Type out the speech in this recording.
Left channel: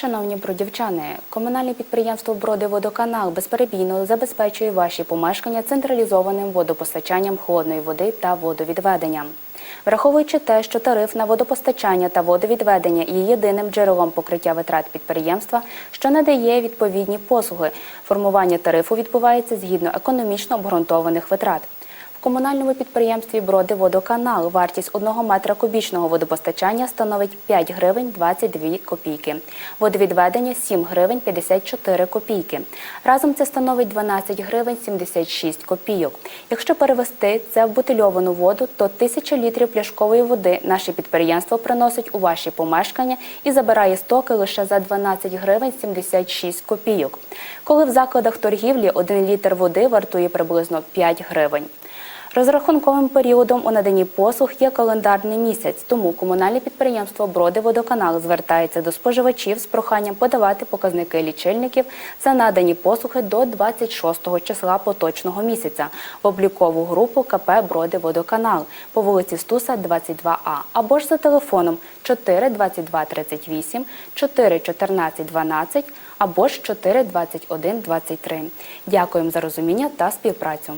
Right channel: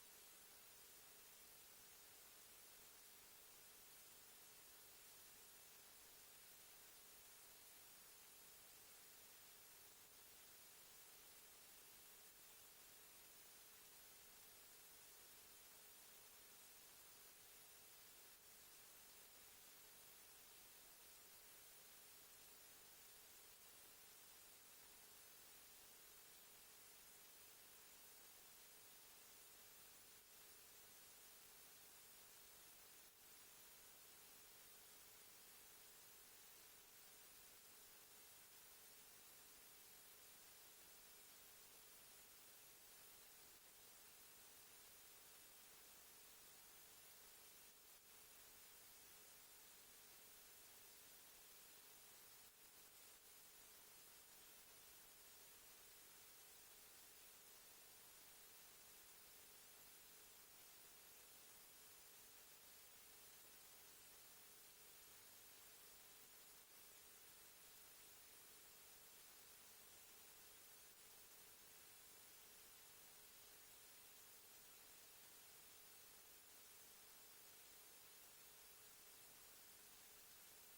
Шановні бродівчани, комунальне підприємство Бродиводоканал безперебійно забезпечує ваші помешкання централізованим водопостачанням холодної води та водовідведенням. Враховуючи те, що тариф на водопостачання та водовідведення є єдиним джерелом покриття витрат підприємства, що надає відповідні послуги, формування тарифу відбувається згідно економічно обґрунтованих витрат. Комунальному підприємстві Бродиводоканал вартість 1 метра кубічного водопостачання становить 5 гривень 22 копійки. Водовідведення 7 гривень 54 копійки. Разом це становить 12 гривень 76 копійок. Якщо перевести це в бутильовану воду, то 1000 літрів пляшкової води наше підприємство приносить у ваші помешкання і забирає стоки лише за 12 гривень 76 копійок. Коли в закладах торгівлі 1 літр води вартує приблизно 5 гривень. Розрахунковим періодом у наданні послуг є календарний місяць, тому комунальне підприємство Бродиводоканал звертається до споживачів з проханням подавати показники лічильників за надані послуги до 26 числа поточного місяця в облікову групу КП Бродиводоканал по вулиці Стуса, 22А або ж за телефоном 4 22 38 4 14 12 або ж 4 21 23. Дякуємо за розуміння та співпрацю.